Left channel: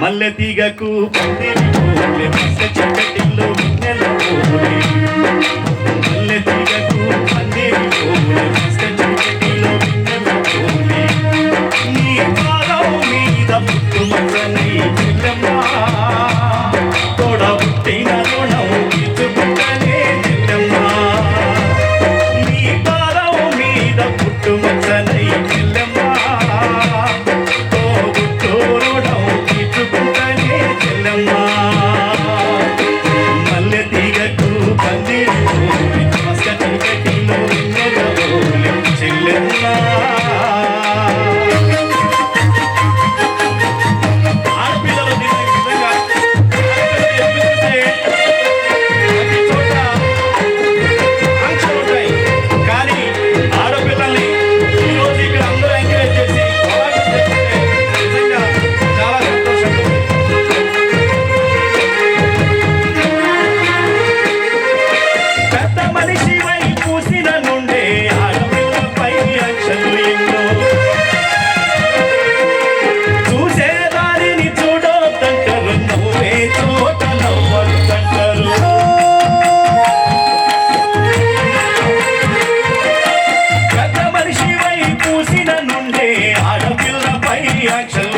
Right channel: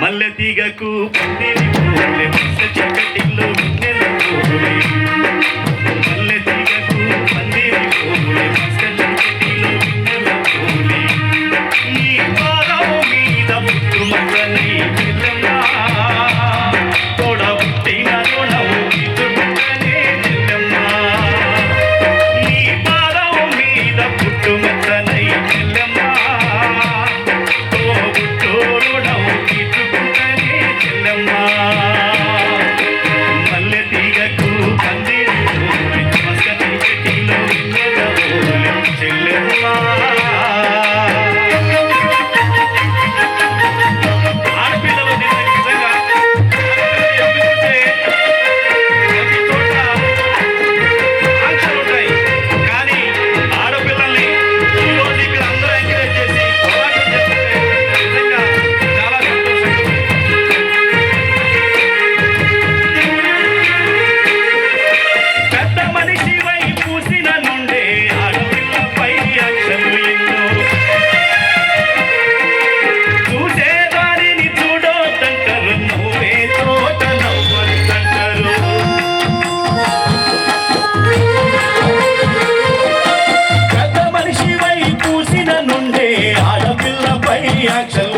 మల్లె తీగకు పందిరి పూలే మస్త చక్కటిలో వెన్నెల పూలే మల్లె తీగకు పందిరి పూలే మస్త చక్కటిలో వెన్నెల పూలే ఈ పాదం మీద పుట్టుమచ్చనై చెల్లెమ్మా తోడ పుట్టిన రుణం తీర్చుకుంటనే చెల్లెమ్మా ఈ పాదం మీద పుట్టుమచ్చనై చెల్లెమ్మా మల్లె తీగకు పందిరి పూలే మస్క చీకటిలో వెన్నెల పూలే చెల్లెమ్మా ఆడపిల్లలు నిజంగా ప్రతి చోట ఆంక్షలు ఉంటాయి, కానీ ఆడపిల్లల్ని ఈరోజు ఇక్కడ అందరూ ఎంకరేజ్ చేసి నిజంగా చాలా సంతోషంగా ఉంది. పెద్ద మనిషి వై పూసిన నుండే ఆడపిల్లపై ఆంక్షలు ఎన్నో చూసేదారిని చూడొద్దంటారు, నువ్వే చోట నవ్వొద్దంటారు. పెద్ద మనిషి వై పూసిన నుండే ఆడపిల్లపై ఆంక్షలు